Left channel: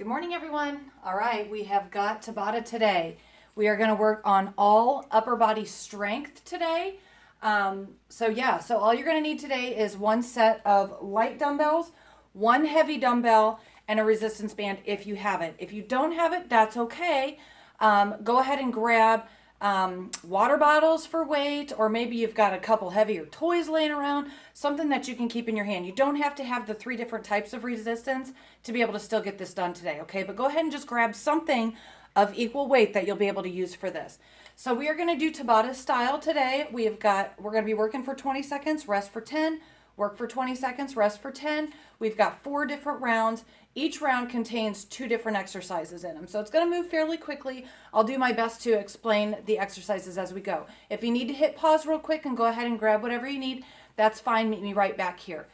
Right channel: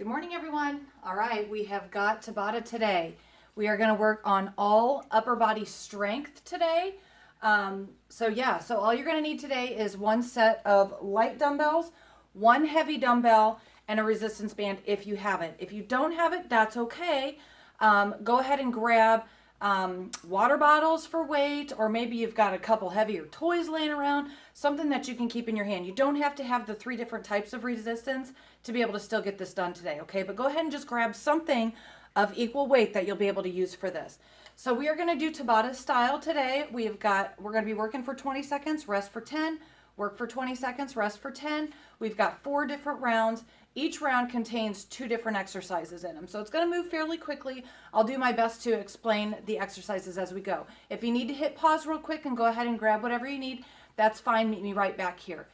Good morning, everyone. All right, we have got Tabata today. We are going to work on all upper body strength today. So all you're going to need today is one set of light dumbbells, one heavy dumbbell, and a resistance band if you have it. If you don't have it, that's okay. Go ahead and grab water bottles for weight, or maybe you've got a couple heavier toys laying around, something that you can keep in your hand. You don't have to have the 3 different types of resistance to be able to still get this done today, okay? But go ahead and just grab something of equal weight that you'll be able to use for this. So we are going to do Tabata style today. We're going to be working for 20 seconds, rest for 10, work for 20 seconds, rest for 10. We've got 4 different rounds. Each round contains 2 different exercises in them. So it's going to move fairly quickly. I'll do my best to explain the exercises as we go. If you need to hit pause real quick and go ahead and grab whatever you need, that's fine. Meet me right back here.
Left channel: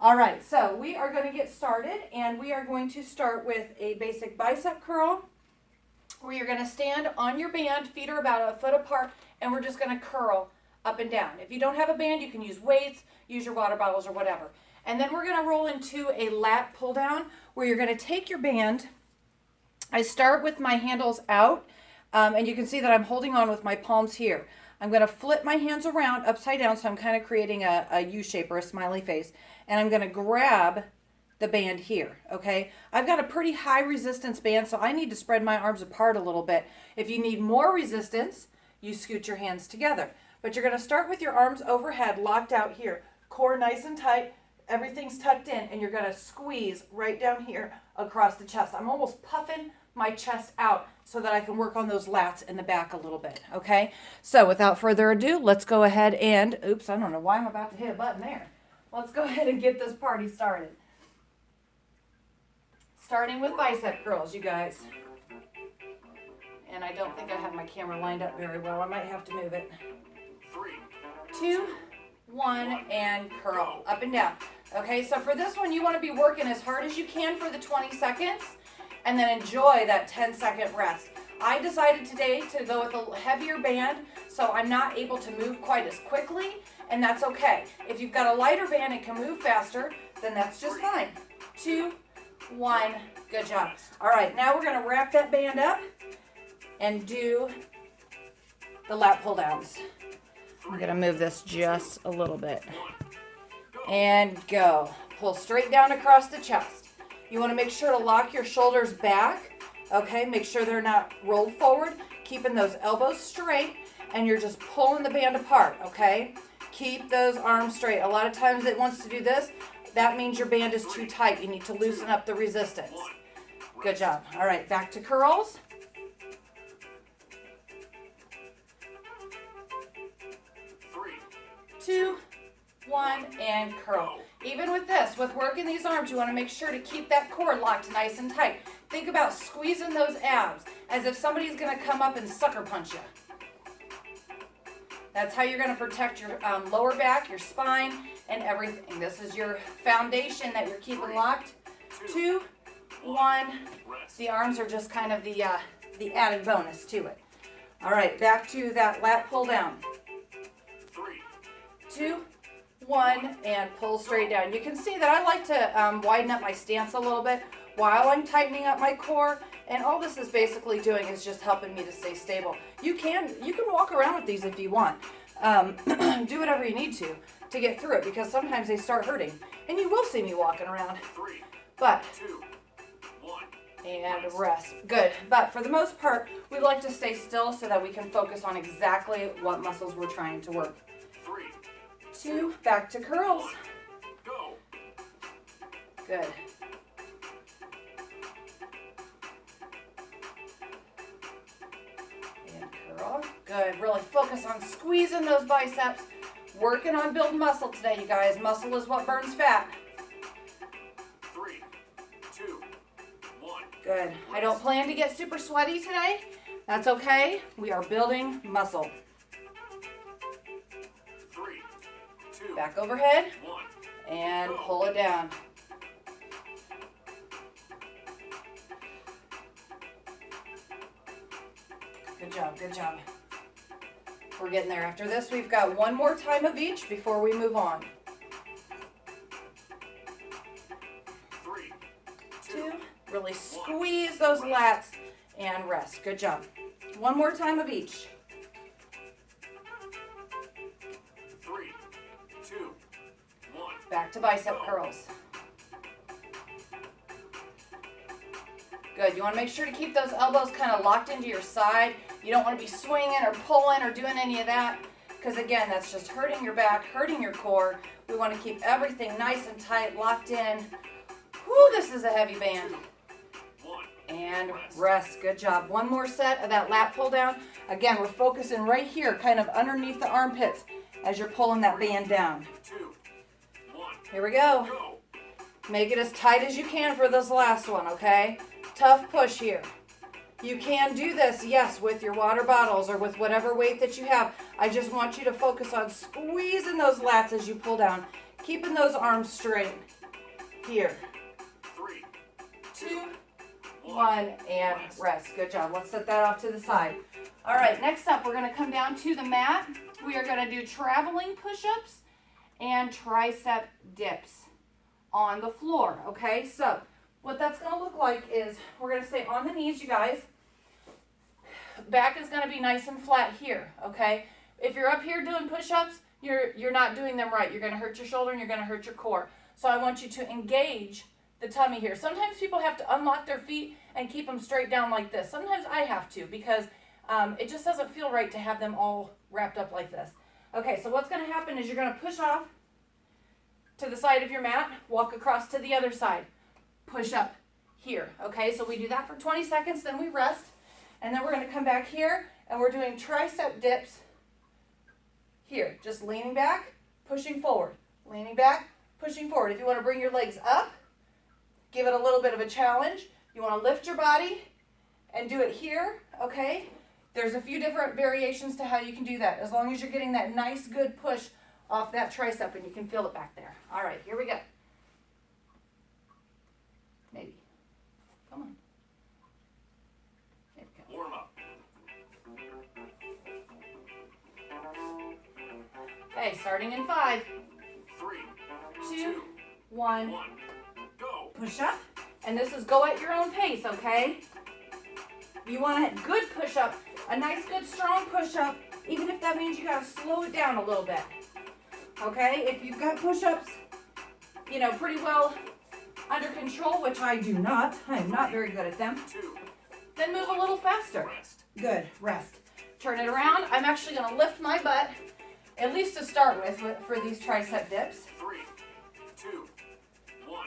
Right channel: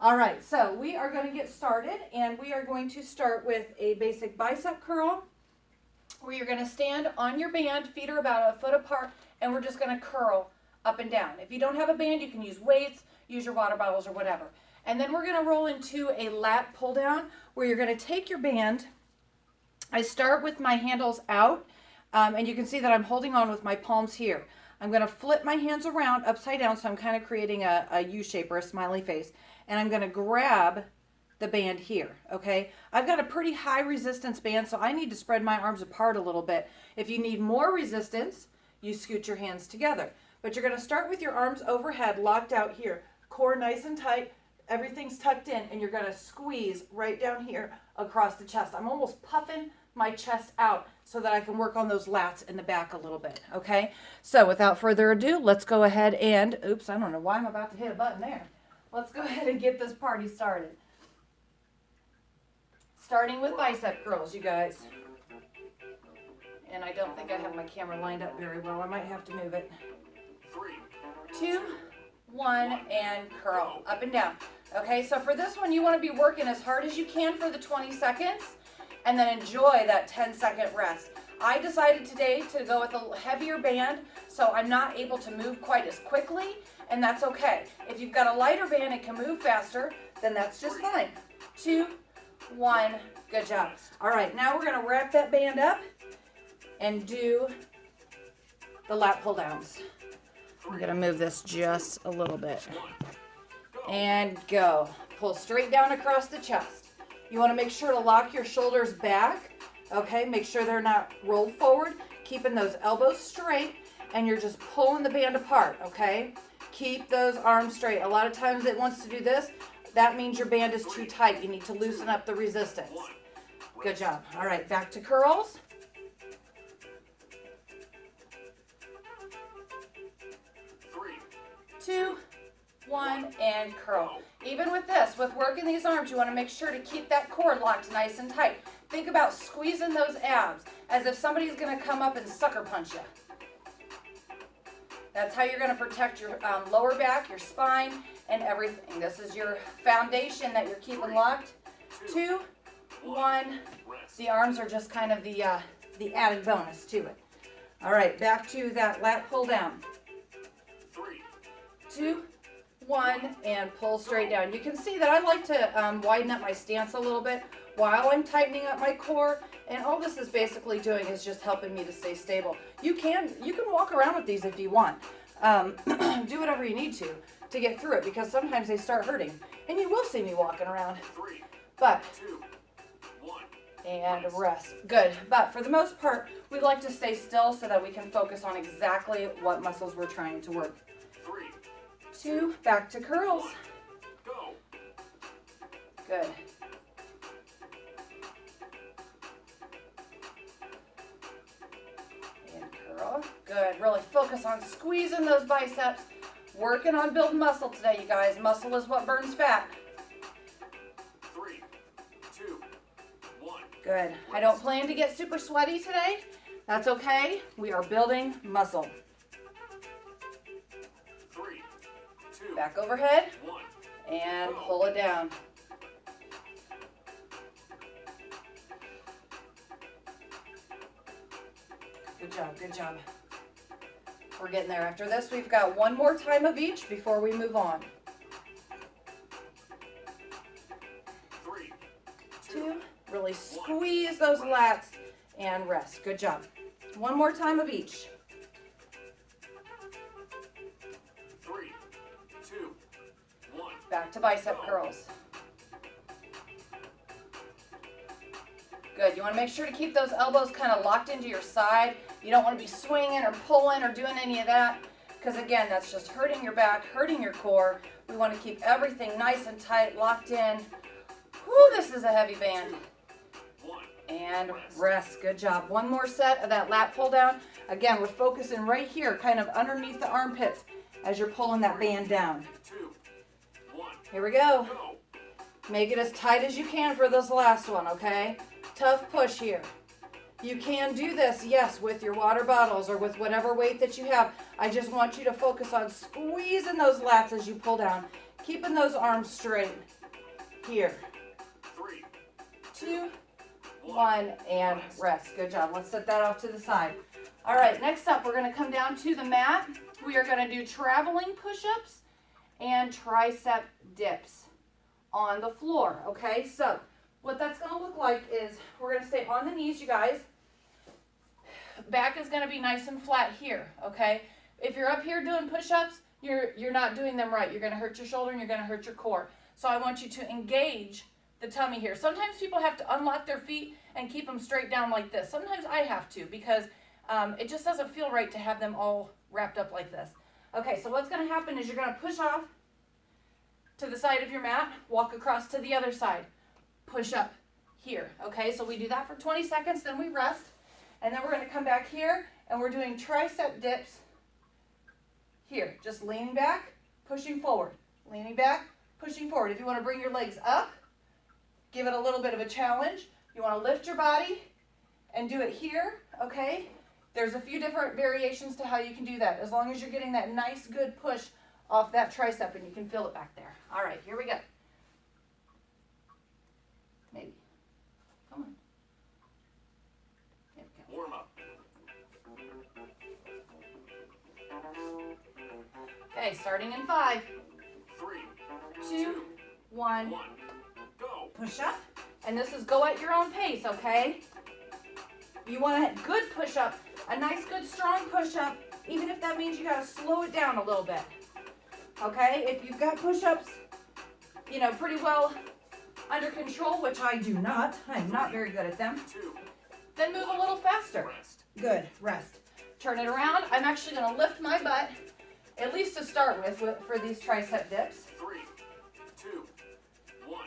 All right, so we are going to get started, and we are going to start with a basic bicep curl, where you're going to stand on your band, feet are about a foot apart, and we're just going to curl up and down. If you don't have a band, you can use weights, use your water bottles or whatever. And then we're going to roll into a lat pull down, where you're going to take your band. I start with my handles out, and you can see that I'm holding on with my palms here. I'm going to flip my hands around upside down, so I'm kind of creating a U shape or a smiley face. And I'm going to grab the band here, okay? I've got a pretty high resistance band, so I need to spread my arms apart a little bit. If you need more resistance, you scoot your hands together. But you're going to start with your arms overhead, locked out here. Core nice and tight, everything's tucked in, and you're going to squeeze right down here across the chest. I'm almost puffing my chest out so that I can work on those lats in the back a little bit, okay? So without further ado, let's go ahead and, oops, I don't know why I'm about to hit a button there. Let's go ahead and get this party started. Starting with bicep curls, you guys. And I don't think I have my camera lined up very well. I might have to move it. 2, 1, and curl up and down. Okay, so for this one, you want to be working as hard as you can for the 20 seconds and then enjoy that 10-second rest. I decided today to go with a heavier band, so I'm not able to move quite as quickly, and that's okay. If you've got a lighter band and can move faster, then that's just fine. 2, 1, good job. All right, now we're going to wrap that band up and do the lat pull downs. I'm going to move this just a little bit. And go. Pull straight down across the chest. You want to make sure to lock your shoulders back. Okay, make sure they're not rolled forward. Keeping those elbows straight, and you're just pulling the band apart, okay? Keep those arms straight. A lot of times it wants to do this. That means your band is too tight. You need to loosen up the resistance. Good job. All right, back to curls. 2, 1, and curl. Even with this, with working these arms, you want to make sure to keep that core locked nice and tight. Think about squeezing those abs as if somebody's going to come up and sucker punch you. That's how you're going to protect your lower back, your spine, and everything. This is your foundation that you're keeping locked. 2, 1. The arms are just kind of the added bonus to it. All right, back to that lat pull down. 2, 1, and pull straight down. You can see that I like to widen up my stance a little bit while I'm tightening up my core, and all this is basically doing is just helping me to stay stable. You can walk around with these if you want. Do whatever you need to get through it, because sometimes they start hurting, and you will see me walking around. But and rest. Good. But for the most part, we like to stay still so that we can focus on exactly what muscles we're trying to work. 2, back to curls. Good. And curl. Good. Really focus on squeezing those biceps. Working on building muscle today, you guys. Muscle is what burns fat. 3, 2, 1. Good. I don't plan to get super sweaty today. That's okay. We are building muscle. 3, 2, Back overhead 1. and pull it down. Good job, good job. We're getting there. After this, we've got one more time of each before we move on. 3, 2, Really squeeze those lats and rest. Good job. One more time of each. 3, 2, 1. Back to bicep curls. Good. You want to make sure to keep those elbows kind of locked into your side. You don't want to be swinging or pulling or doing any of that, because again, that's just hurting your back, hurting your core. We want to keep everything nice and tight, locked in. Whew, this is a heavy band. And rest. Good job. One more set of that lat pull down. Again, we're focusing right here, kind of underneath the armpits as you're pulling that band down. Here we go. Make it as tight as you can for this last one, okay? Tough push here. You can do this, yes, with your water bottles or with whatever weight that you have. I just want you to focus on squeezing those lats as you pull down, keeping those arms straight. Here. 3, 2, 1, and rest. Good job. Let's set that off to the side. All right, next up, we're going to come down to the mat. We are going to do traveling push-ups and tricep dips on the floor, okay? So what that's going to look like is we're going to stay on the knees, you guys. Back is going to be nice and flat here, okay? If you're up here doing push-ups, you're not doing them right. You're going to hurt your shoulder and you're going to hurt your core. So I want you to engage the tummy here. Sometimes people have to unlock their feet and keep them straight down like this. Sometimes I have to, because it just doesn't feel right to have them all wrapped up like this. Okay, so what's going to happen is you're going to push off to the side of your mat, walk across to the other side, push up here. Okay, so we do that for 20 seconds, then we rest, and then we're going to come back here and we're doing tricep dips here. Just leaning back, pushing forward, leaning back, pushing forward. If you want to bring your legs up, give it a little bit of a challenge. You want to lift your body and do it here, okay? There's a few different variations to how you can do that, as long as you're getting that nice, good push off that tricep and you can feel it back there. All right, here we go. Maybe. Come on. There we go. Warm up. Okay, starting in 5, 3, 2, 1. 1. Go. Push up. And this is go at your own pace, okay? You want a good push up, a nice, good, strong push up, even if that means you got to slow it down a little bit. Okay? If you've got push ups, you know, pretty well under control, which I do not, I am not very good at them, 2. then move a little faster. Rest. Good. Rest. Turn it around. I'm actually going to lift my butt, at least to start with for these tricep dips. 3, 2, 1.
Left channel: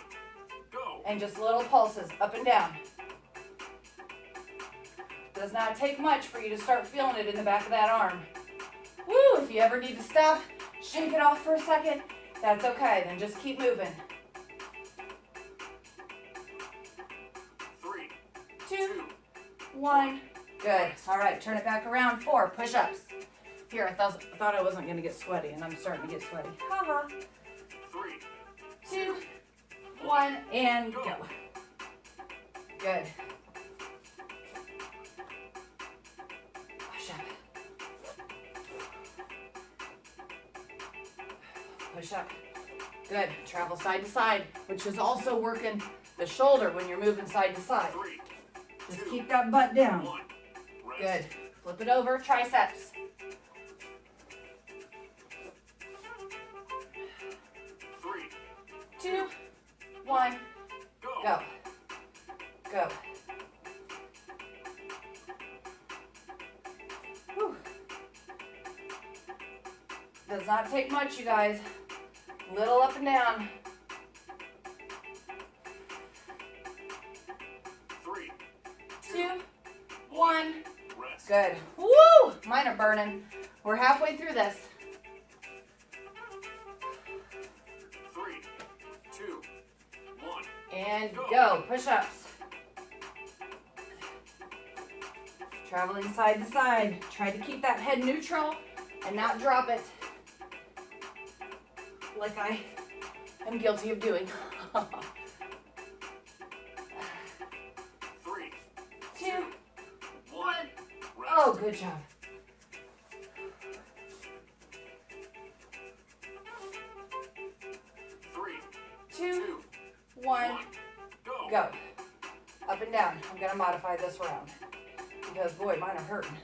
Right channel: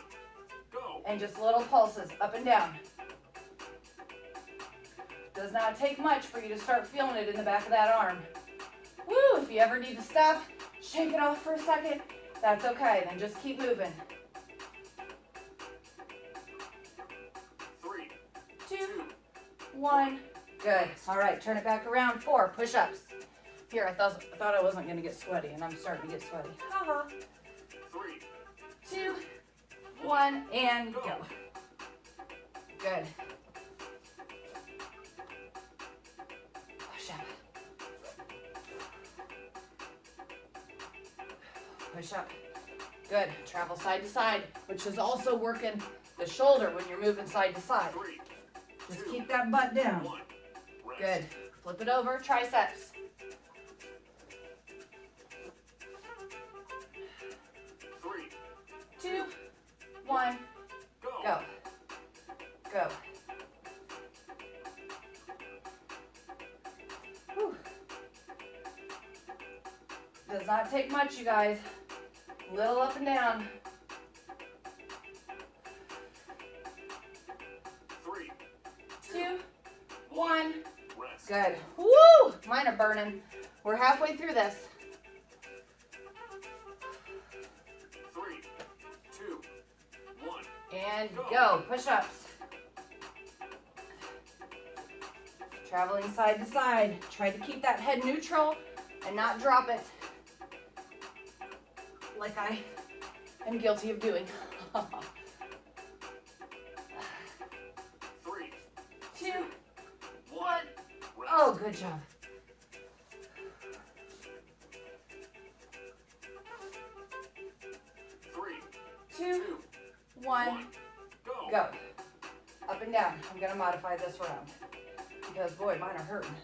Go. And just little pulses up and down. Does not take much for you to start feeling it in the back of that arm. Woo! If you ever need to stop, shake it off for a second, that's okay. Then just keep moving. 3, 2, 1. Good. All right, turn it back around. 4 push-ups. Here, I thought I wasn't going to get sweaty, and I'm starting to get sweaty. Ha-ha. 3, 2, 1, and go. Good. Push up. Push up. Good. Travel side to side, which is also working the shoulder when you're moving side to side. 3, Just keep that butt down. 1. Rest. Good. Flip it over, triceps. 3, 2, 1, go. go. Go. Whew. Does not take much, you guys. Little up and down. 3, 2, 1. rest. Good. Woo! Mine are burning. We're halfway through this. 3, 2, 1. And go. Push-ups. Traveling side to side. Try to keep that head neutral and not drop it like I am guilty of doing. 3, 2, 1. rest. Oh, good job. 3, 2, 1, go. go. up and down. I'm gonna modify this round because boy, mine are hurting.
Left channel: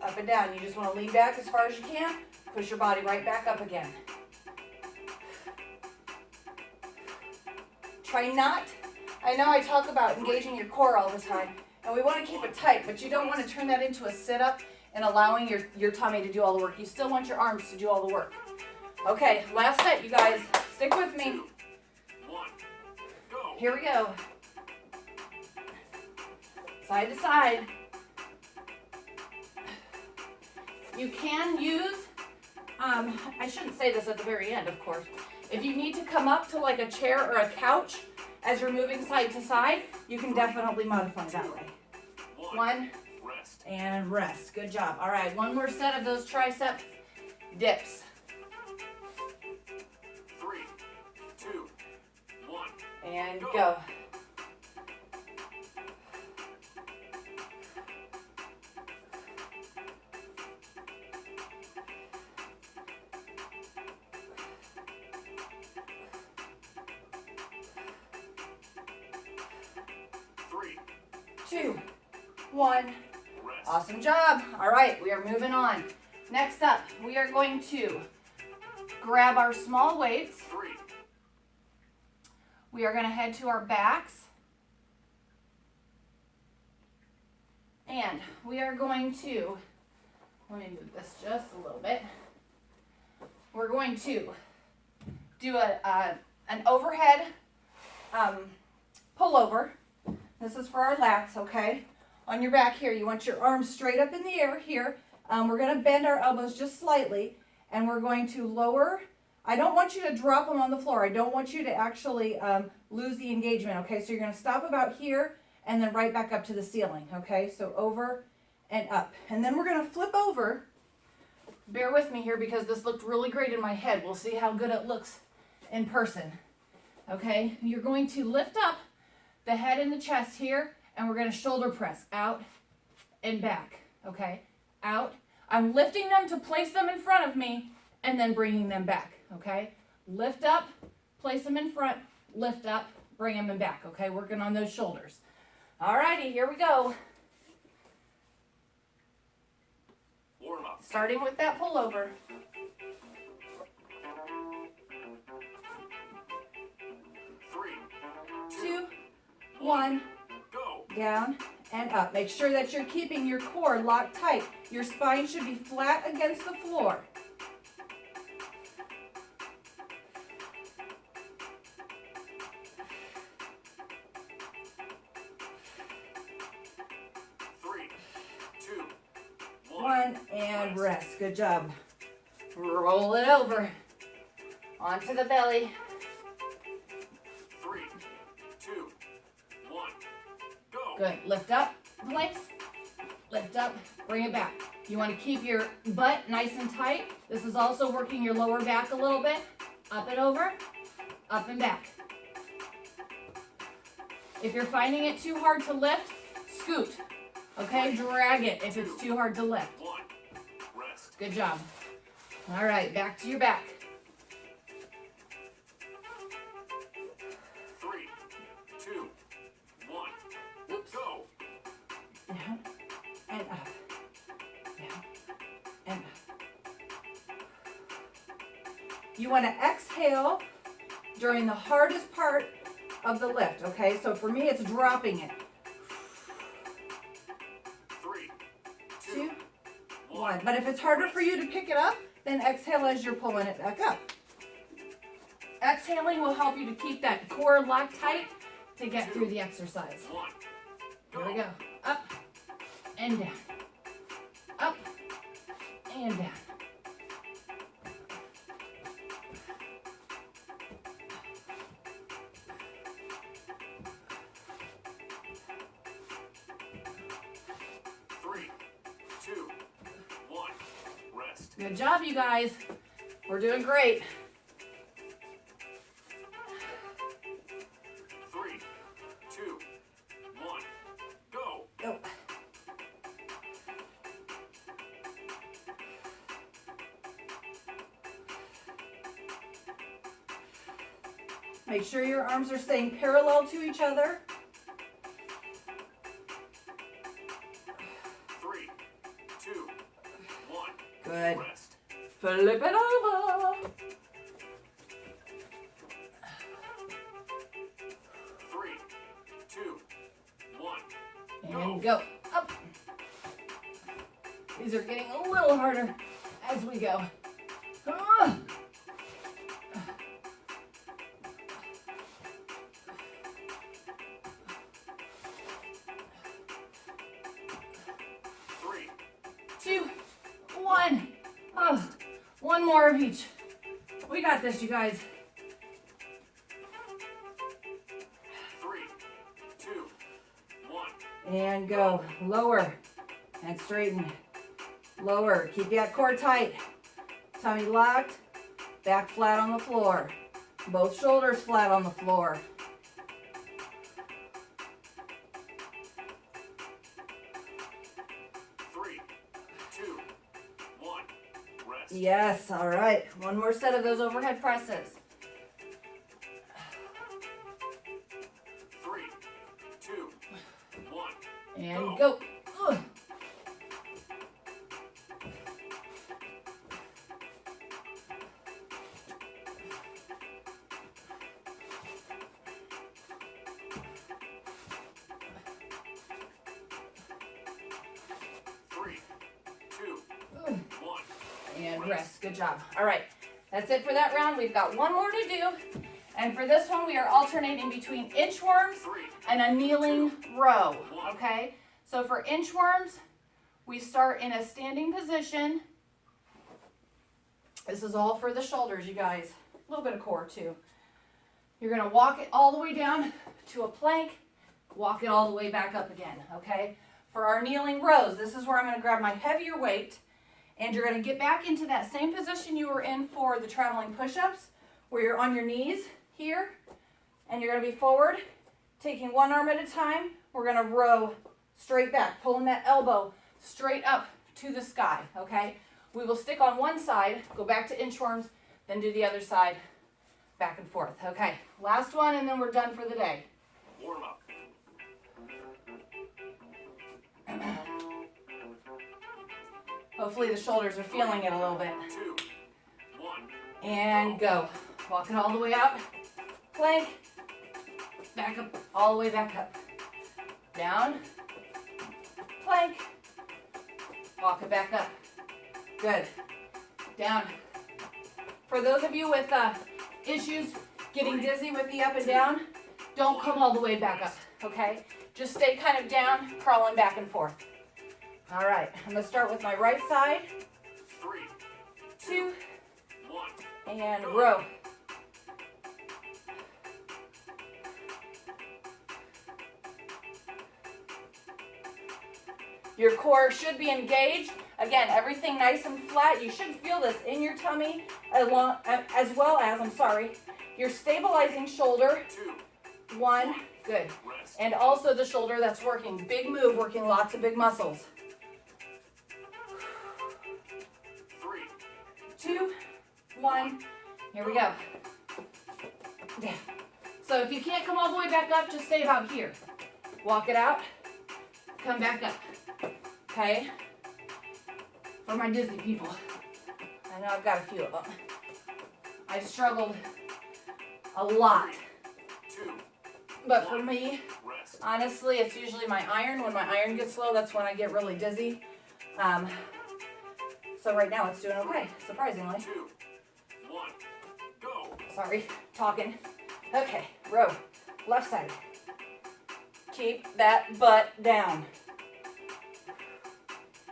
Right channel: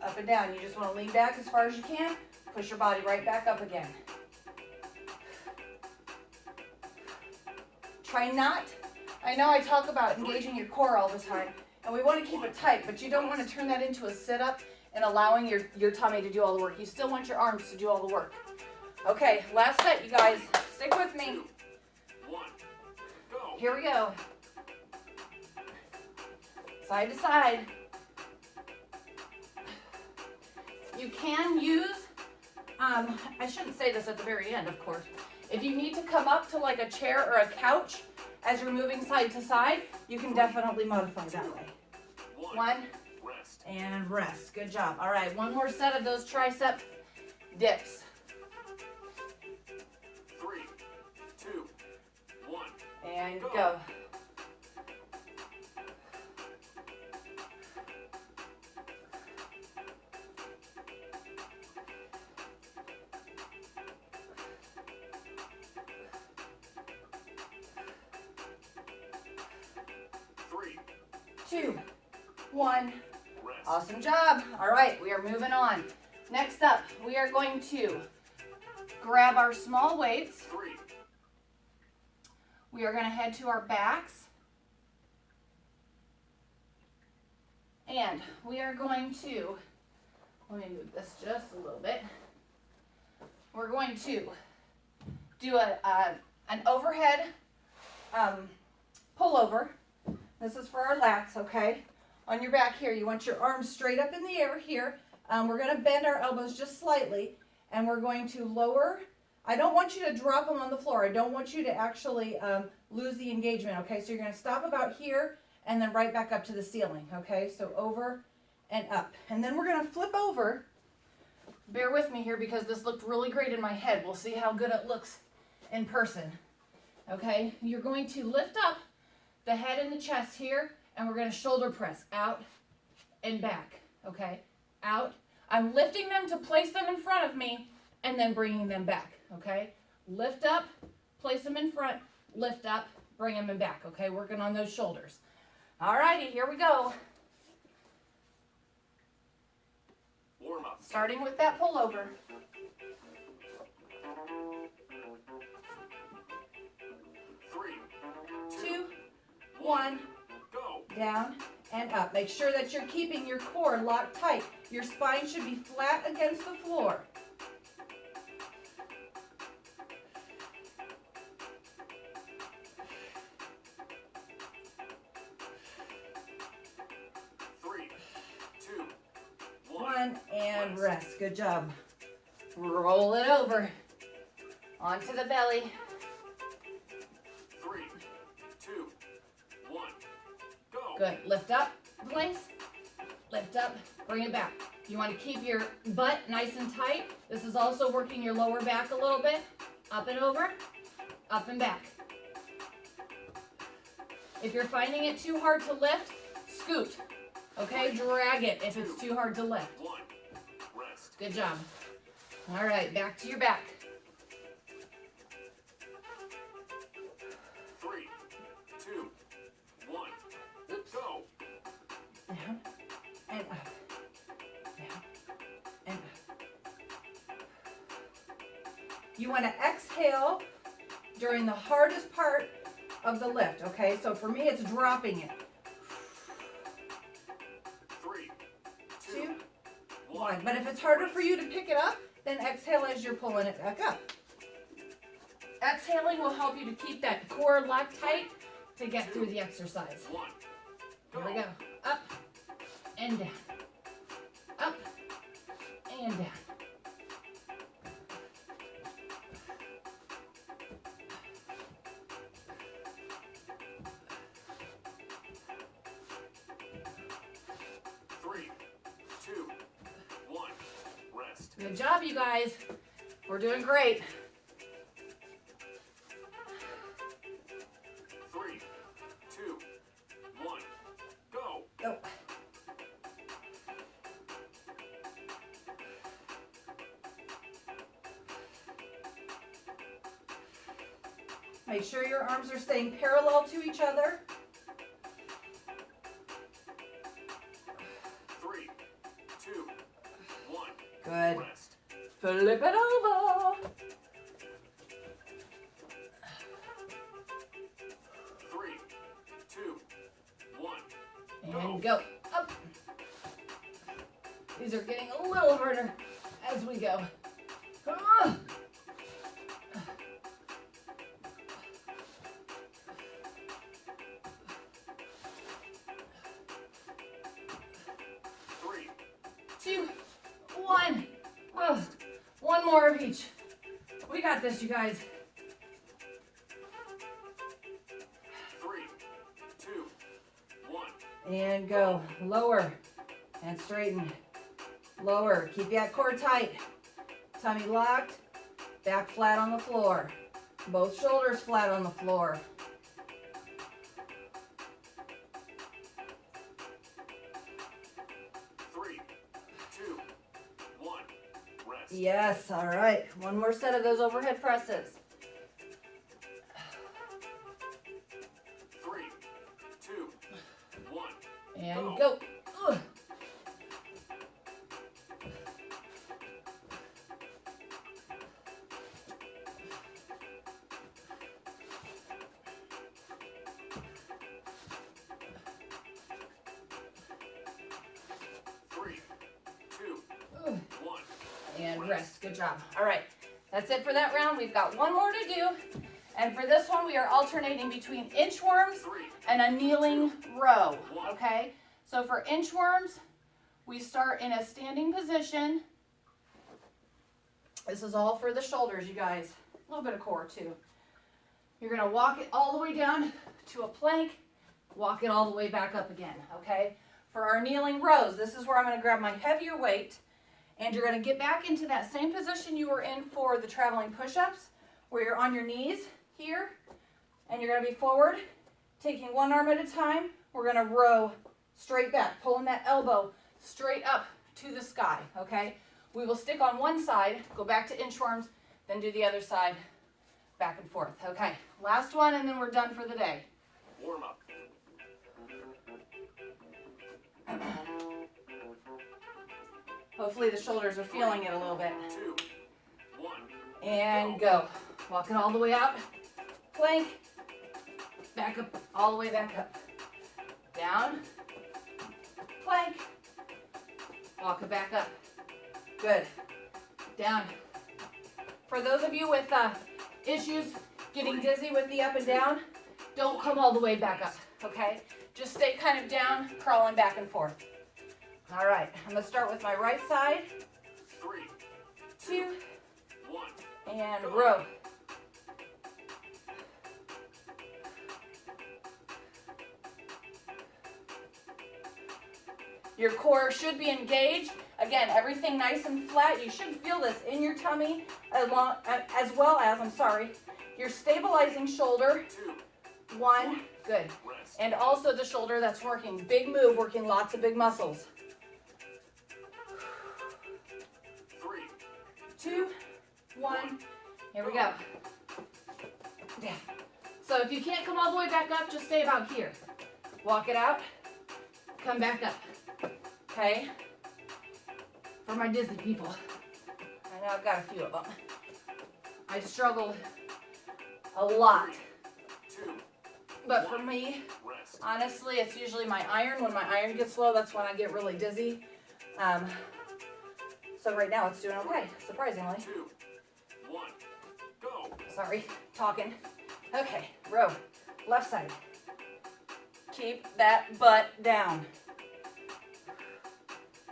Up and down. You just want to lean back as far as you can. Push your body right back up again. Try not, I know I talk about engaging your core all the time, and we want to keep it tight, but you don't want to turn that into a sit-up and allowing your tummy to do all the work. You still want your arms to do all the work. Okay, last set, you guys. Stick with me. 2, 1, go. Here we go. Side to side. You can use, I shouldn't say this at the very end, of course. If you need to come up to like a chair or a couch as you're moving side to side, you can definitely modify that way. 1, Rest. and rest. Good job. All right, one more set of those tricep dips. 3, 2, 1. And go. Three, 2, 1. rest. Awesome job. All right, we are moving on. Next up, we are going to grab our small weights. 3, We are going to head to our backs. And we are going to, let me move this just a little bit. We're going to do an overhead pullover. This is for our lats, okay? On your back here, you want your arms straight up in the air here. We're going to bend our elbows just slightly, and we're going to lower. I don't want you to drop them on the floor. I don't want you to actually lose the engagement, okay? So you're going to stop about here and then right back up to the ceiling, okay? So over and up. And then we're going to flip over. Bear with me here because this looked really great in my head. We'll see how good it looks in person, okay? You're going to lift up the head and the chest here, and we're going to shoulder press out and back, okay? Out. I'm lifting them to place them in front of me and then bringing them back, okay? Lift up, place them in front, lift up, bring them in back, okay? Working on those shoulders. All righty, here we go. Warm up. Starting with that pullover. 3, 2, 1, go. down and up. Make sure that you're keeping your core locked tight. Your spine should be flat against the floor. Three, two, 1 and rest. Good job. Roll it over. Onto the belly. 3, 2, 1, go. Good. Lift up, place. Lift up, bring it back. You want to keep your butt nice and tight. This is also working your lower back a little bit. Up and over, up and back. If you're finding it too hard to lift, scoot. Okay, drag it if it's too hard to lift. 1, rest. Good job. All right, back to your back. 3, 2, 1, Oops. go. Down and up. Down and up. You want to exhale during the hardest part of the lift, okay? So for me, it's dropping it. 3, 2, 2, 1. 1. But if it's harder for you to pick it up, then exhale as you're pulling it back up. Exhaling will help you to keep that core locked tight to get through the exercise. 1, Here we go. Up and down. Up and down. Three, 2, 1, rest. Good job, you guys. We're doing great. 3, 2, 1, go. Go. Make sure your arms are staying parallel to each other. 2, 1. Good. Rest. Flip it over. 3, 2, 1. And go. Up. These are getting a little harder as we go. Ah. 3, 2, 1. Oh, one more of each. We got this, you guys. 3, 2, 1. And go. Lower and straighten. Lower. Keep that core tight. Tummy locked. Back flat on the floor. Both shoulders flat on the floor. Three, two, one. Rest. Yes, all right. One more set of those overhead presses. 3, 2, 1. And go. Ugh. 3, 2, Ugh. 1. And rest. Good job. All right. That's it for that round. We've got one more to do. And for this one, we are alternating between inchworms 3, and a kneeling row. Okay? So for inchworms, we start in a standing position. This is all for the shoulders, you guys. A little bit of core, too. You're going to walk it all the way down to a plank. Walk it all the way back up again, okay? For our kneeling rows, this is where I'm going to grab my heavier weight. And you're going to get back into that same position you were in for the traveling push-ups, where you're on your knees here. And you're going to be forward, taking one arm at a time. We're going to row straight back, pulling that elbow straight up to the sky, okay? We will stick on one side, go back to inchworms, then do the other side, back and forth. Okay, last one, and then we're done for the day. Warm up. Hopefully the shoulders are feeling it a little bit. 2, 1. And go. Walk it all the way out. Plank. Back up, all the way back up. Down. Plank. Walk it back up. Good. Down. For those of you with issues getting dizzy with the up and down, don't come all the way back up, okay? Just stay kind of down, crawling back and forth. All right, I'm gonna start with my right side. 3, 2, 1. and row. Your core should be engaged. Again, everything nice and flat. You should feel this in your tummy as well as, your stabilizing shoulder. 2, 1, good. rest. And also the shoulder that's working. Big move, working lots of big muscles. 3, 2, 1, here we go. Down. So if you can't come all the way back up, just stay about here. Walk it out, come back up. Okay? For my dizzy people. I know I've got a few of them. I struggled a lot. 2, But for me, rest. honestly, it's usually my iron. When my iron gets low, that's when I get really dizzy. So right now it's doing okay, surprisingly. 2, 1. Go. Sorry, talking. Okay, row, left side. Keep that butt down.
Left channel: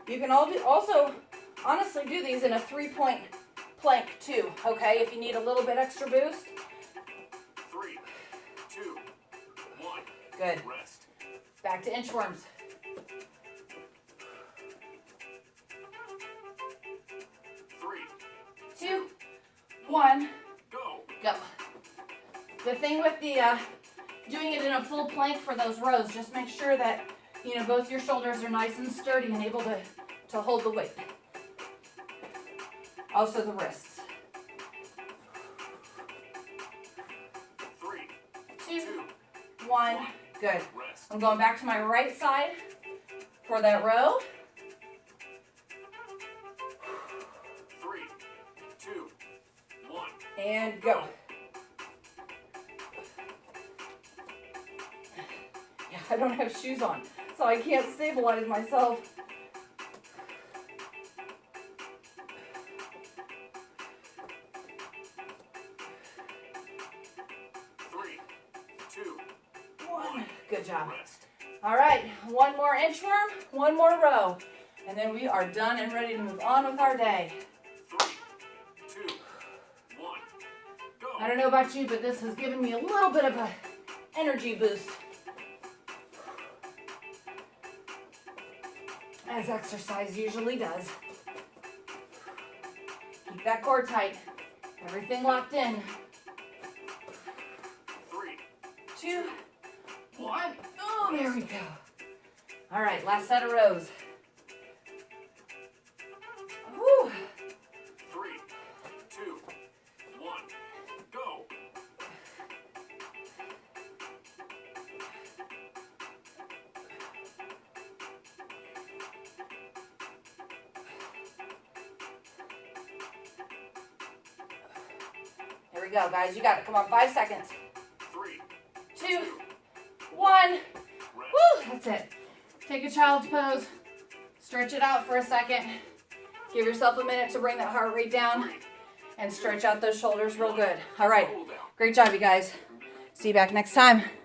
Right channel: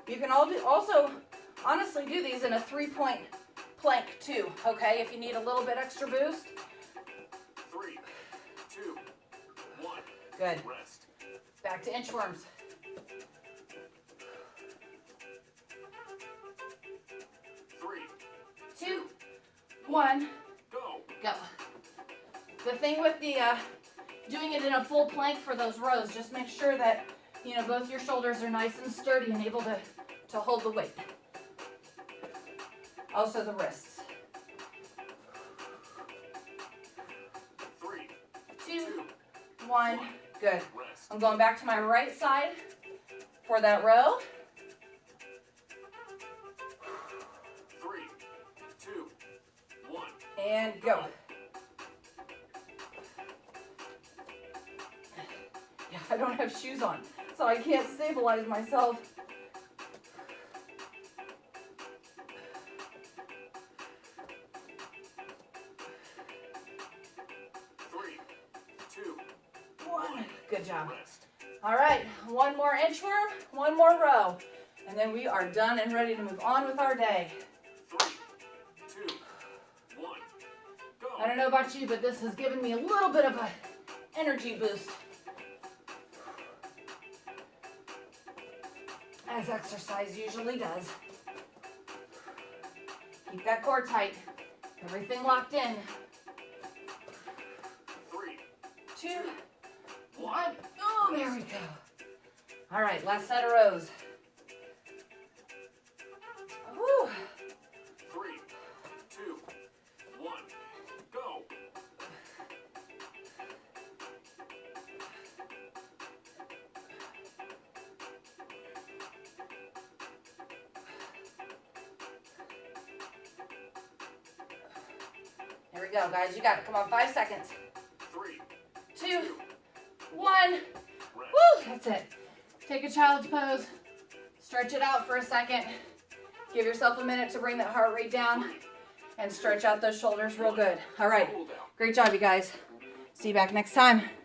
You can also honestly do these in a 3-point plank too, okay? If you need a little bit extra boost. 3, 2, 1. Good. Rest. Back to inchworms. 3, 2, 1, go. go. The thing with the doing it in a full plank for those rows, just make sure that both your shoulders are nice and sturdy and able to hold the weight. Also the wrists. 3, 2, 1, good. rest. I'm going back to my right side for that row. And go. Yeah, I don't have shoes on, so I can't stabilize myself. 3, 2, 1. Good job. rest. All right, one more inchworm, one more row, and then we are done and ready to move on with our day. 3, 2, 1, go. I don't know about you, but this has given me a little bit of an energy boost. As exercise usually does. Keep that core tight. Everything locked in. 3, 2, 1. Oh, there we go. All right, last set of rows. Whew. 3, 2, 1, go. Here we go, guys. You got it. Come on, 5 seconds. 3, 2, 1. rest. Woo, that's it. Take a child's pose. Stretch it out for a second. Give yourself a minute to bring that heart rate down and stretch out those shoulders real good. All right. Cool down. Great job, you guys. See you back next time.